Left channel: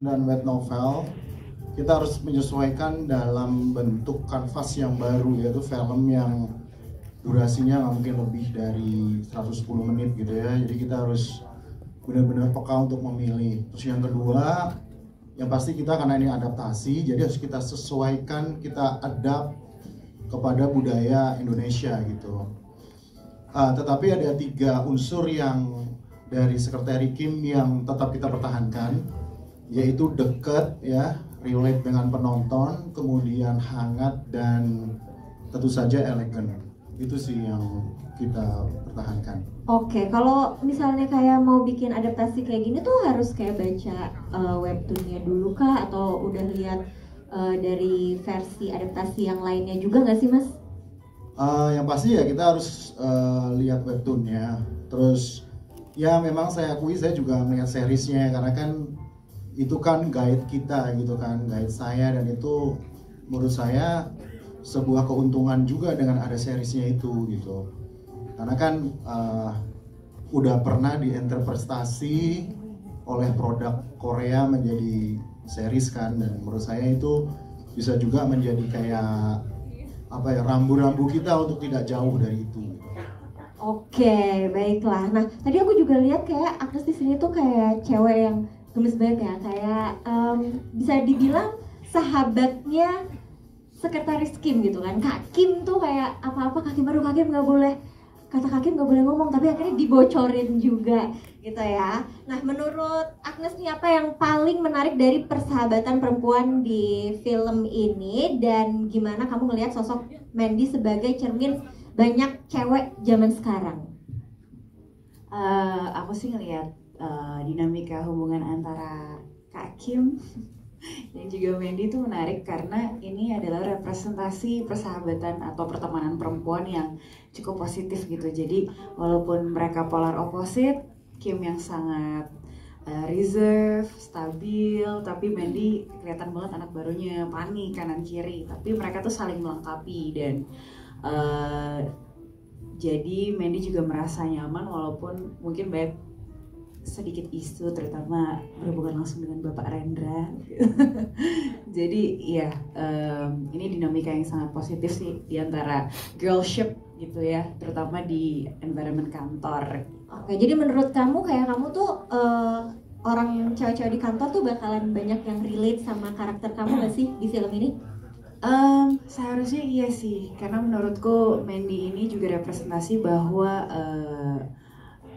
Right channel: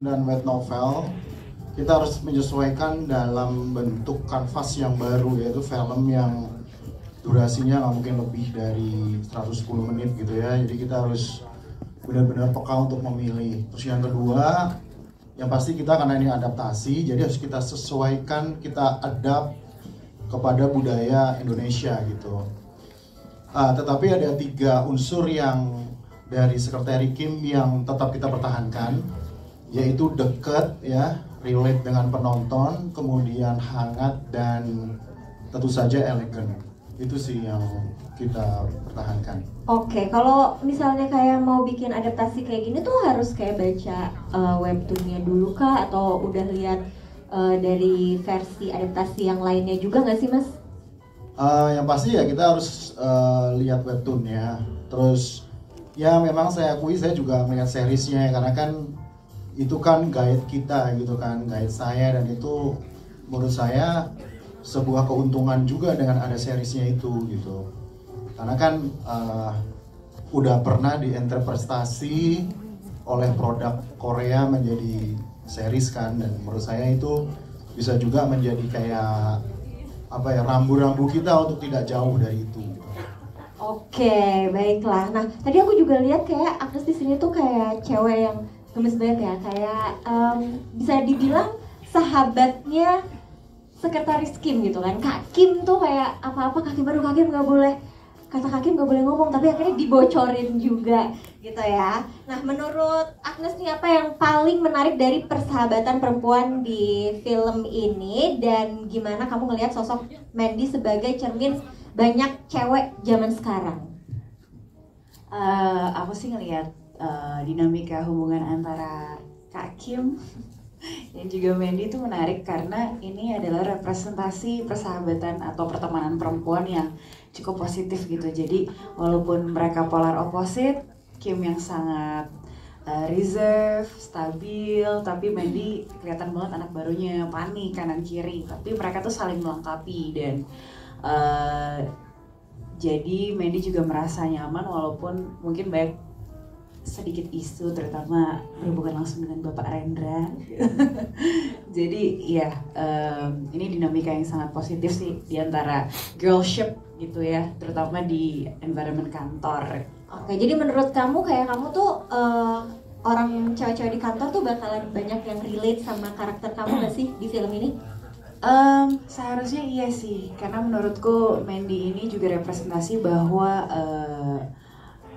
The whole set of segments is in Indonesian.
dan web novel, kita harus menyesuaikan dalam bentuk kanvas yang baru, yaitu film yang durasinya nggak mungkin lebih dari 110 menit gitu ya. Jadi kita harus benar-benar peka untuk memilih. Terus yang kedua, yang pasti kita karena ini adaptasi, jadi harus kita sesuaikan, kita adapt kepada budaya Indonesia gitu. Tetapi ada 3 unsur yang dari Sekretari Kim yang tetap kita pertahankan, yaitu dekat ya, relate dengan penonton, kemudian hangat, dan tentu saja elegan. Itu sih yang kita pertahankan. Oke, kalau misalnya kayak mau bikin adaptasi kayak gini tuh harus kayak baca webtoonnya dulu kah, atau udah lihat dari versi adaptasi yang lainnya juga nggak sih Mas? Yang pasti ya kita harus lihat webtoonnya. Terus ya memang saya akui saya juga melihat seriesnya, karena kan itu kan guide kita gitu kan, guide saya, dan itu menurut saya sebuah keuntungan juga dengan ada seriesnya itu gitu. Karena kan udah pernah diinterpretasi oleh produk Korea menjadi series kan, dan menurut saya itu bisa juga menjadi kayak apa ya, rambu-rambu kita untuk tidak jauh dari itu. Oke, baiklah. Nah, tadi aku juga lihat kayak Agnes di sini tuh kayak cewek yang gemes banget ya, kayak bisa dibilang sahabatnya Sekretaris Kim gitu kan. Kak Kim tuh kayak apa-apa Kak Kim, baru Kak Kim nggak boleh, kata Kak Kim nggak boleh ngomong, tapi akhirnya dibocorin juga gitu ya. Nah, menurut Agnes nih, apa yang paling menarik dari persahabatan perempuan di film ini, dan gimana kamu ngelihat sosok Mandy sebagai cermin banyak cewek zaman sekarang? Aku sih ngelihat dinamika hubungan antara Kak Kim dan juga Mandy itu menarik karena ini adalah representasi persahabatan atau pertemanan perempuan yang cukup positif gitu. Jadi walaupun mereka polar opposite, Kim yang sangat reserve, stabil, tapi Mandy kelihatan banget anak barunya, panik kanan kiri. Tapi mereka tuh saling melengkapi, dan jadi Mandy juga merasa nyaman walaupun mungkin banyak sedikit isu, terutama berhubungan langsung dengan Bapak Rendra. Jadi ya ini dinamika yang sangat positif sih di antara girlship gitu ya, terutama di environment kantor. Oke, jadi menurut kamu kayak kamu tuh orang cewek-cewek di kantor tuh bakalan banyak yang relate sama karakter kamu nggak sih di film ini? Seharusnya iya sih, karena menurutku Mandy ini juga representasi bahwa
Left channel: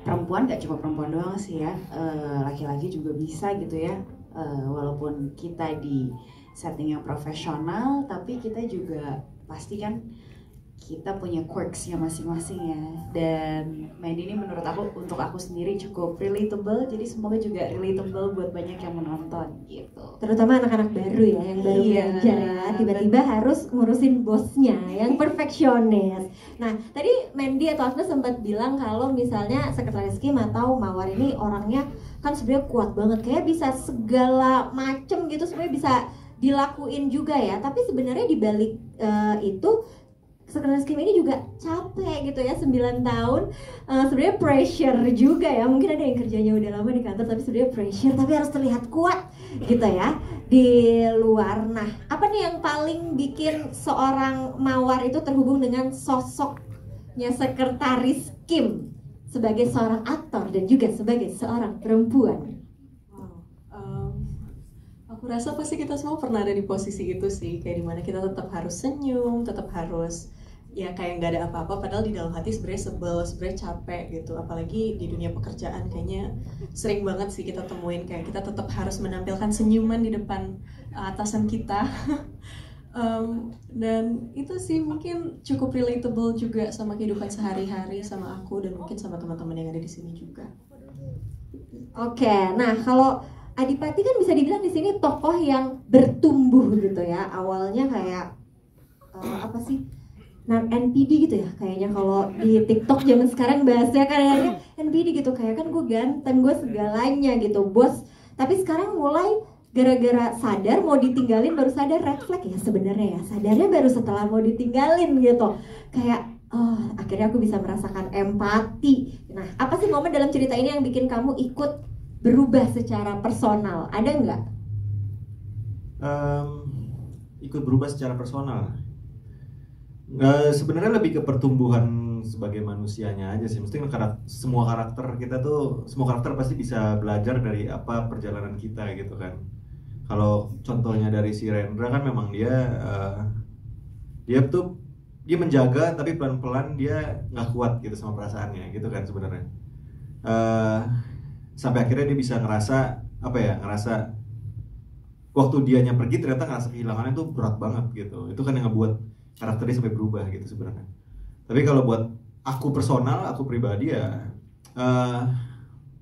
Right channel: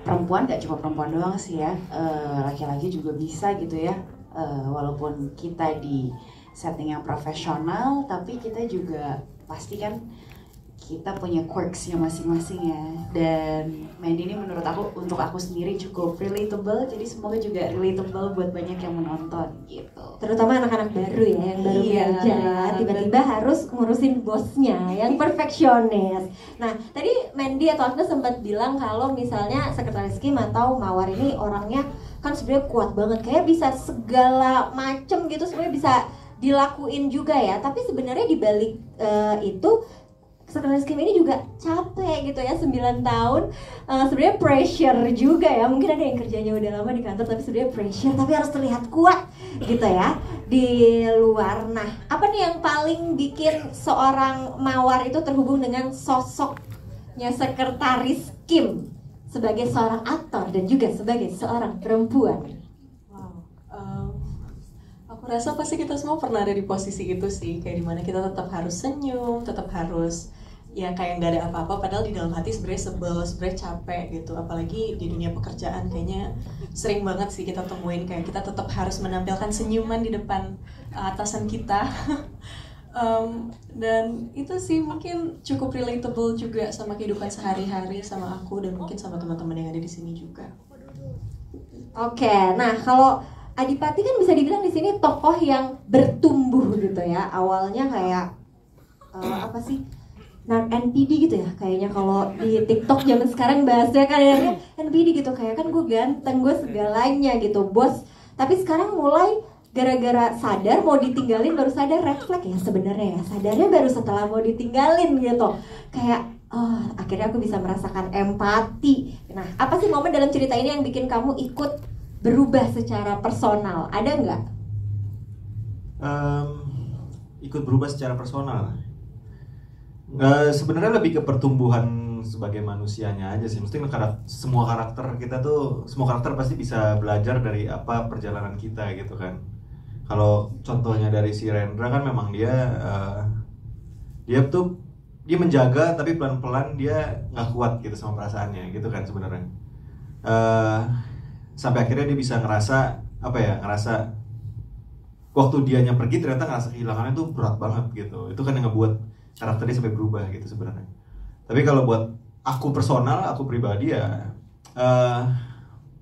perempuan gak cuma perempuan doang sih ya, laki-laki juga bisa gitu ya, walaupun kita di setting yang profesional, tapi kita juga pasti kan kita punya quirks-nya masing-masing ya. Dan Mandy ini menurut aku, untuk aku sendiri cukup relatable, jadi semoga juga relatable buat banyak yang menonton gitu. Terutama anak-anak baru ya, yang baru belajar, tiba-tiba harus ngurusin bosnya yang perfeksionis. Nah, tadi Mandy atau Agnes sempat bilang kalau misalnya Sekretaris Kim atau Mawar ini orangnya kan sebenarnya kuat banget, kayak bisa segala macem gitu, sebenarnya bisa dilakuin juga ya. Tapi sebenarnya di balik itu Sekretaris Kim ini juga capek gitu ya, 9 tahun. Sebenarnya pressure juga ya, mungkin ada yang kerjanya udah lama di kantor tapi sebenarnya pressure, tapi harus terlihat kuat gitu ya di luar. Nah, apa nih yang paling bikin seorang Mawar itu terhubung dengan sosoknya Sekretaris Kim sebagai seorang aktor dan juga sebagai seorang perempuan? Aku rasa pasti kita semua pernah ada di posisi itu sih, kayak dimana kita tetap harus senyum, tetap harus ya kayak nggak ada apa-apa, padahal di dalam hati sebenarnya sebel, sebenarnya capek gitu. Apalagi di dunia pekerjaan kayaknya sering banget sih kita temuin kayak kita tetap harus menampilkan senyuman di depan atasan kita. Dan itu sih mungkin cukup relatable juga sama kehidupan sehari-hari, sama aku dan mungkin sama teman-teman yang ada di sini juga. Oke, nah kalau Adipati kan bisa dibilang di sini tokoh yang bertumbuh gitu ya. Awalnya kayak apa sih? Nah, NPD gitu ya kayaknya, kalau di TikTok zaman sekarang bahasnya kan NPD gitu, kayak kan gue ganteng, gue segalanya gitu, bos. Tapi sekarang mulai gara-gara sadar mau ditinggalin, baru sadar red flag ya sebenarnya ya. Sadarnya baru setelah mau ditinggalin gitu. Kayak oh, akhirnya aku bisa merasakan empati. Nah, apa sih momen dalam cerita ini yang bikin kamu ikut berubah secara personal? Ada nggak? Ikut berubah secara personal. Sebenarnya lebih ke pertumbuhan sebagai manusianya aja sih. Mesti semua karakter kita tuh, semua karakter pasti bisa belajar dari apa perjalanan kita gitu kan. Kalau contohnya dari si Rendra kan memang dia menjaga tapi pelan-pelan dia nggak kuat gitu sama perasaannya gitu kan sebenarnya. Sampai akhirnya dia bisa ngerasa waktu dianya pergi ternyata ngerasa kehilangannya tuh berat banget gitu. Itu kan yang ngebuat karakter dia sampai berubah gitu sebenarnya. Tapi kalau buat aku personal, aku pribadi ya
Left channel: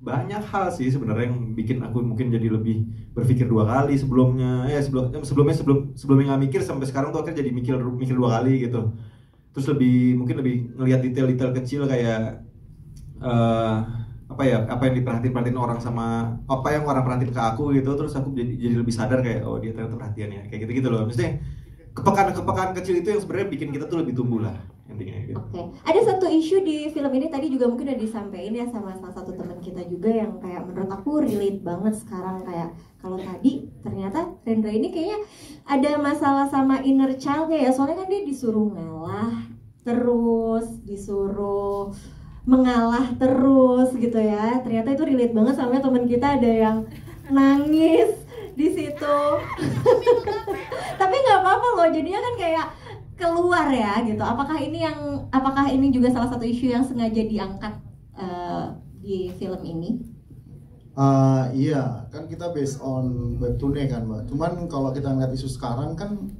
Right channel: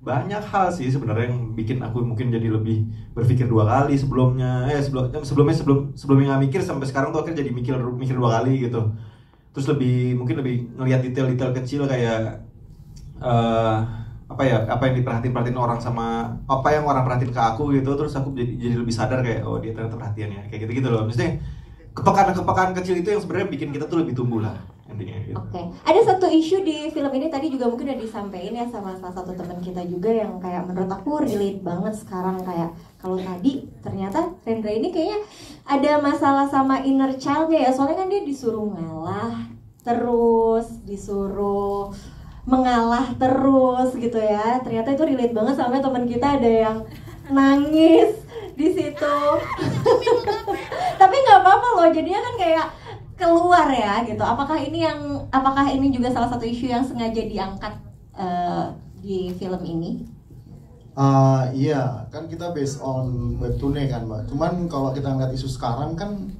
banyak hal sih sebenarnya yang bikin aku mungkin jadi lebih berpikir dua kali sebelumnya nggak mikir, sampai sekarang tuh akhirnya jadi mikir dua kali gitu. Terus mungkin lebih ngelihat detail-detail kecil kayak apa yang diperhatiin orang sama apa yang orang perhatiin ke aku gitu. Terus aku jadi lebih sadar kayak oh dia ternyata perhatian ya, kayak gitu loh. Maksudnya kepekaan kecil itu yang sebenarnya bikin kita tuh lebih tumbuh lah intinya gitu. Oke. Ada satu isu di film ini tadi juga mungkin udah disampaikan ya sama salah satu teman kita juga yang kayak menurut aku relate banget sekarang, kayak kalau tadi ternyata Rendra ini kayaknya ada masalah sama inner child-nya ya. Soalnya kan dia disuruh ngalah terus, disuruh mengalah terus gitu ya. Ternyata itu relate banget sama teman kita, ada yang nangis di situ. Tapi nggak apa-apa loh, jadinya kan kayak keluar ya gitu. Apakah ini juga salah satu isu yang sengaja diangkat di film ini? Iya, kan kita based on webtoon kan Mbak. Cuman kalau kita ngeliat isu sekarang kan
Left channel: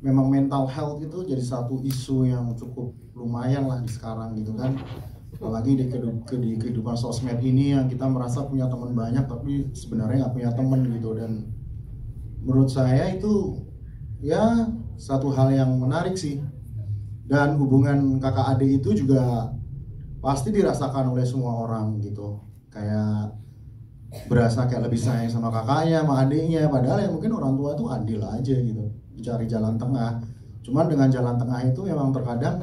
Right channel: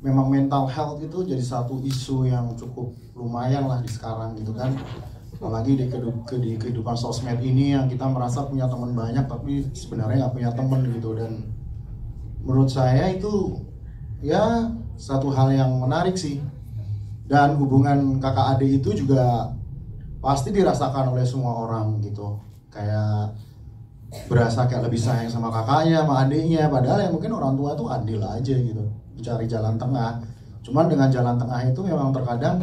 memang mental health itu jadi satu isu yang cukup lumayan lah di sekarang gitu kan. Apalagi di kehidupan sosmed ini yang kita merasa punya teman banyak tapi sebenarnya nggak punya teman gitu. Dan menurut saya itu ya satu hal yang menarik sih. Dan hubungan kakak adik itu juga pasti dirasakan oleh semua orang gitu. Kayak berasa kayak lebih sayang sama kakaknya, sama adiknya. Padahal yang mungkin orang tua tuh adil aja gitu, mencari jalan tengah. Cuman dengan jalan tengah itu memang terkadang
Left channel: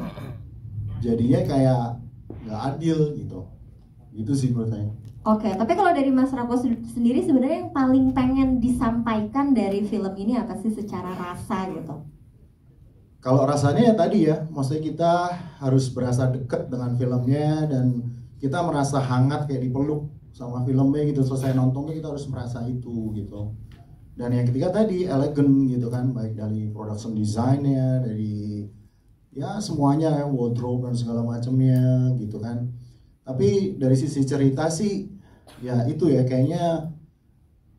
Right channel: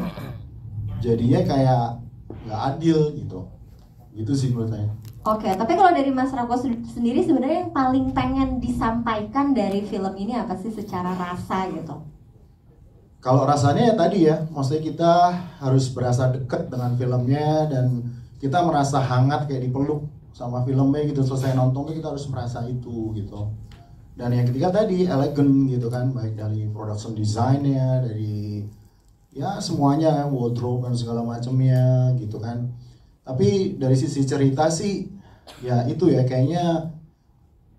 jadinya kayak nggak adil gitu. Itu sih menurut saya. Oke, tapi kalau dari Mas Rako sendiri sebenarnya yang paling pengen disampaikan dari film ini apa sih secara rasa gitu? Kalau rasanya ya tadi ya, maksudnya kita harus berasa deket dengan filmnya dan kita merasa hangat kayak dipeluk sama filmnya gitu. Selesai nontonnya kita harus merasa itu gitu. Dan yang ketiga tadi elegan gitu kan, baik dari production design-nya, dari ya semuanya, wardrobe dan segala macamnya gitu kan. Tapi dari sisi cerita sih ya itu ya, kayaknya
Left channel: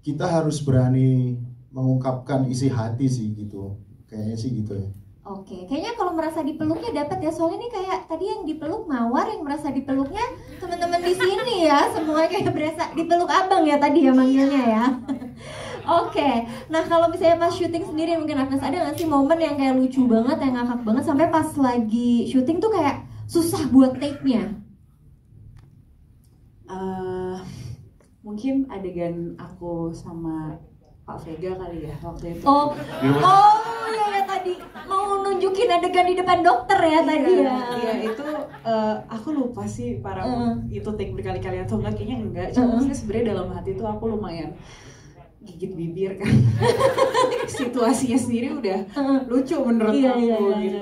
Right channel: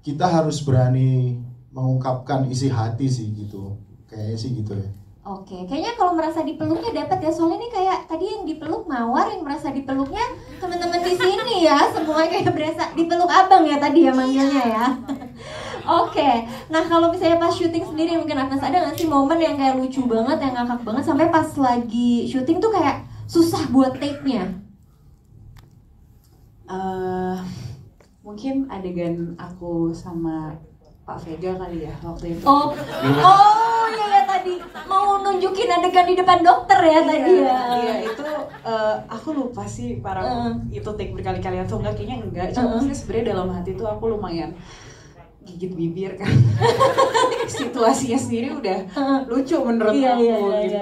kita harus berani mengungkapkan isi hati sih gitu. Kayaknya sih gitu ya. Oke, kayaknya kalau merasa dipeluknya dapat ya. Soalnya nih kayak tadi yang dipeluk Mawar, yang merasa dipeluknya teman-teman di sini ya. Semuanya kayak berasa dipeluk abang ya tadi ya manggilnya ya. Oke, nah kalau misalnya pas syuting sendiri mungkin Agnes ada nggak sih momen yang kayak lucu banget, yang ngakak banget sampai pas lagi syuting tuh kayak susah buat take-nya? Mungkin adegan aku sama Pak Vega kali ya waktu itu. Oh iya tadi mau nunjukin adegan di depan dokter ya tadi ya. Iya itu aku lupa sih itu take berkali-kali atau enggak, kayaknya enggak. Cuma maksudnya sebenarnya dalam hati tuh aku lumayan gigit bibir kan. Situasinya sendiri udah lucu menurut aku gitu.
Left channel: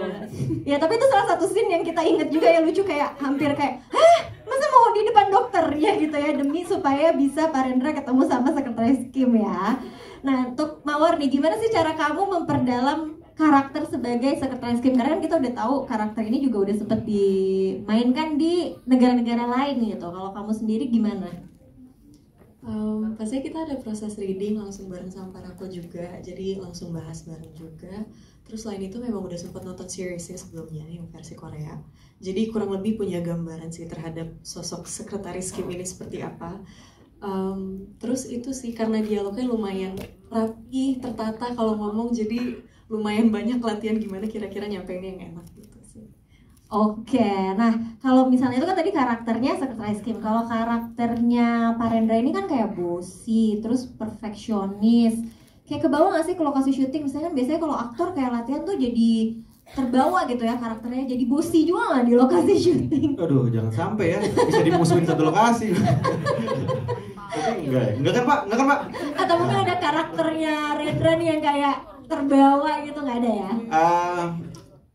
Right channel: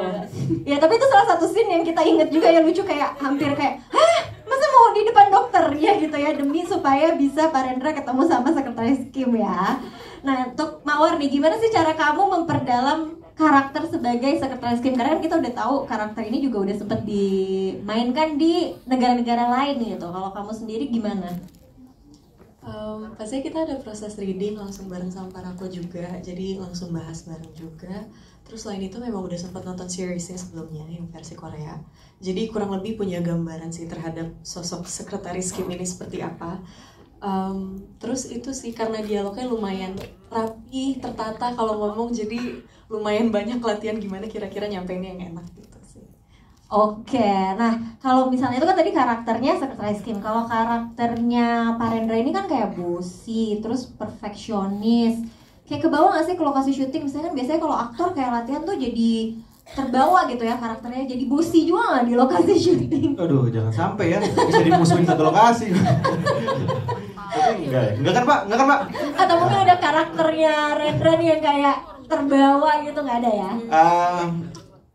Ya tapi itu salah satu scene yang kita inget juga yang lucu, kayak hampir kayak hah masa mau di depan dokter ya gitu ya, demi supaya bisa Pak Rendra ketemu sama sekretaris Kim ya. Nah untuk Mawar nih, gimana sih cara kamu memperdalam karakter sebagai sekretaris Kim? Karena kan kita udah tahu karakter ini juga udah sempet dimainkan di negara-negara lain gitu. Kalau kamu sendiri gimana? Pasti kita ada proses reading langsung bareng sama Parako juga, jadi langsung bahas bareng juga. Terus selain itu memang udah sempat nonton seriesnya sebelumnya yang versi Korea, jadi kurang lebih punya gambaran sih terhadap sosok sekretaris Kim ini seperti apa. Terus itu sih karena dialognya lumayan rapi, tertata kalau ngomong, jadi lumayan banyak latihan gimana kira-kira nyampeinnya yang enak gitu sih. Oke, nah kalau misalnya itu kan tadi karakternya sekretaris Kim, kalau karakternya Pak Rendra ini kan kayak bossy, terus perfeksionis, kayak kebawa nggak sih ke lokasi syuting? Misalnya kan biasanya kalau aktor kayak latihan tuh jadi terbawa gitu ya karakternya, jadi bossy juga nggak di lokasi syuting? Aduh, jangan sampai ya bisa dimusuhin satu lokasi. Enggak kan Pak? Enggak kan Pak? Atau mungkin ada karakternya Rendra nih yang kayak terbawa gitu, nggak ada ya?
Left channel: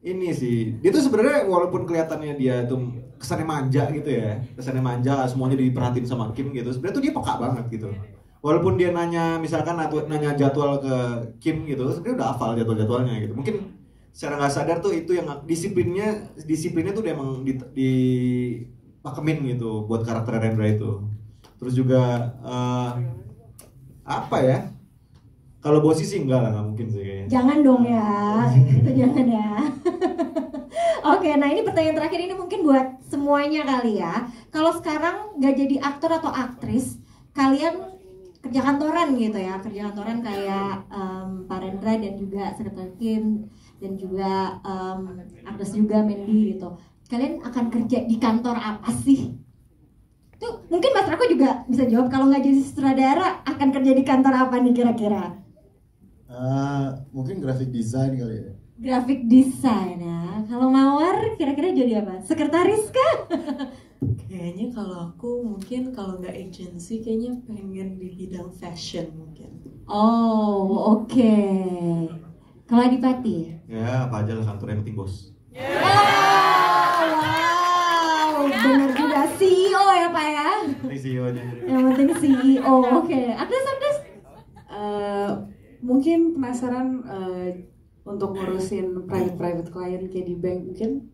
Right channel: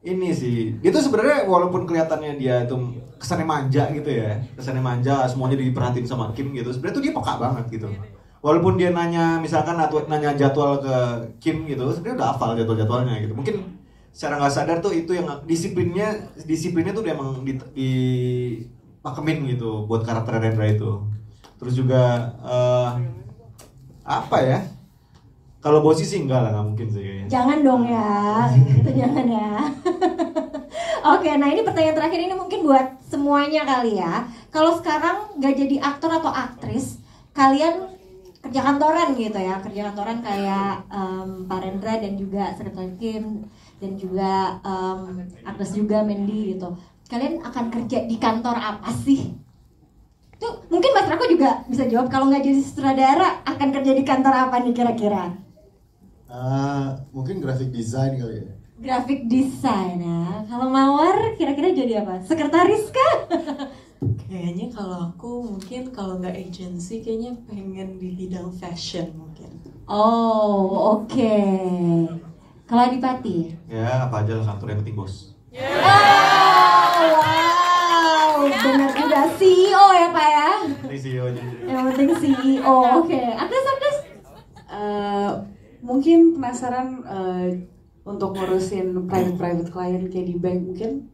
Ini sih, dia tuh sebenarnya walaupun kelihatannya dia tuh kesannya manja gitu ya, kesannya manja, semuanya diperhatiin sama Kim gitu. Sebenarnya tuh dia peka banget gitu. Walaupun dia nanya, misalkan nanya jadwal ke Kim gitu, sebenarnya udah hafal jadwal-jadwalnya gitu. Mungkin secara nggak sadar tuh itu yang disiplinnya tuh dia emang dipakemin gitu buat karakter Rendra itu. Terus juga apa ya? Kalau bosi sih enggak lah, nggak mungkin sih kayaknya. Jangan dong ya, itu jangan ya. Oke, nah ini pertanyaan terakhir ini mungkin buat semuanya kali ya. Kalau sekarang nggak jadi aktor atau aktris, kalian kerja kantoran gitu ya, kerja kantoran kayak Pak Rendra dan juga Sekretaris Kim dan juga Agnes juga Mandy gitu. Kalian akan kerja di kantor apa sih? Tuh mungkin Mas Rako juga bisa jawab, kalau nggak jadi sutradara akan kerja di kantor apa nih kira-kira? Mungkin graphic design kali ya. Graphic design ya. Kalau Mawar kira-kira jadi apa? Sekretaris kah? Kayaknya kalau aku mungkin kalau nggak agency kayaknya pengen di bidang fashion mungkin. Oh, oke. Kalau Adipati? Ya apa aja lah kantor yang penting bos. Wow, benar juga CEO ya Pak ya. Ini CEO aja. Yang penting CEO. Oke. Agnes. Mungkin penasaran untuk ngurusin private client kayak di bank, mungkin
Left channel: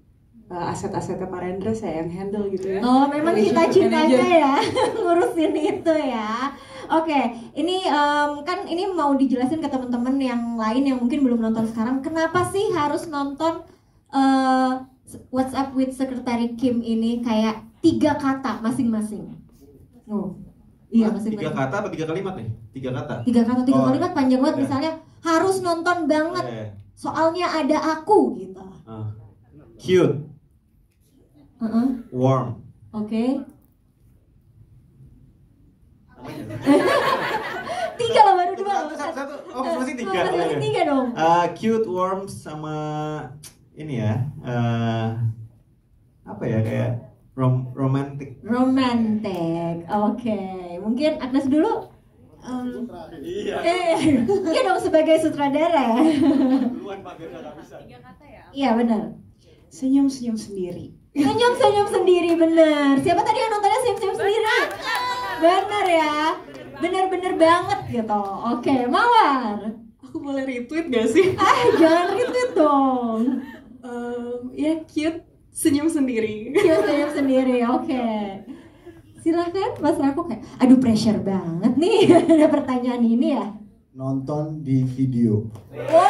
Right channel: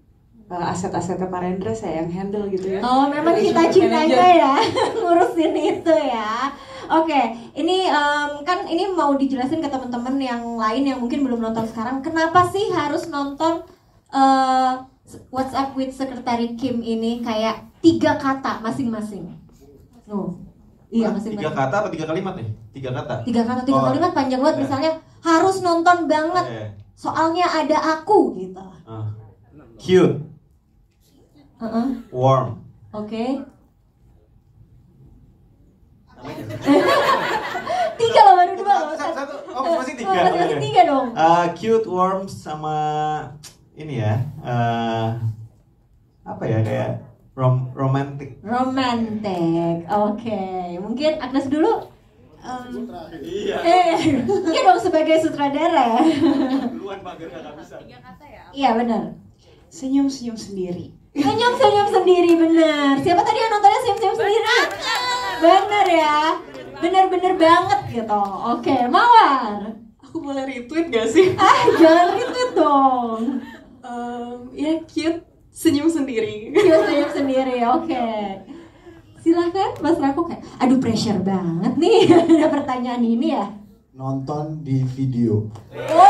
aset-asetnya Pak Rendra saya yang handle gitu ya. Oh, memang cita-citanya ya ngurusin itu ya. Oke, ini kan ini mau dijelasin ke teman-teman yang lain yang mungkin belum nonton sekarang. Kenapa sih harus nonton What's Up with Secretary Kim ini kayak 3 kata masing-masing? Iya, masing-masing. 3 kata apa 3 kalimat nih? 3 kata. 3 kata, 3 kalimat panjang banget. Iya. Misalnya harus nonton banget. Iya. Soalnya ada aku gitu. Cute, warm. Oke. 3 loh, baru 2 loh. Satu. Oh, masih 3. Masih 3 dong. Cute, warm sama ini ya. Apa ya kayak romantic. Romantic. Oke. Mungkin Agnes dulu. Iya. Iya dong sebagai sutradara. Duluan Pak biar nggak bisa. 3 kata ya. Iya benar. Senyum-senyum sendiri. Senyum-senyum sendiri, benar. Siapa tadi yang nontonnya senyum-senyum sendiri? Benar ya. Benar-benar banget gitu. Oke, Mawar. Aku boleh retweet gak sih? Jangan gitu dong. Ya cute, senyum sendiri. Cute senyum sendiri, oke. Silahkan Mas Rako kayak, aduh pressure banget nih ada pertanyaan ini ya. Nonton di video. Oh,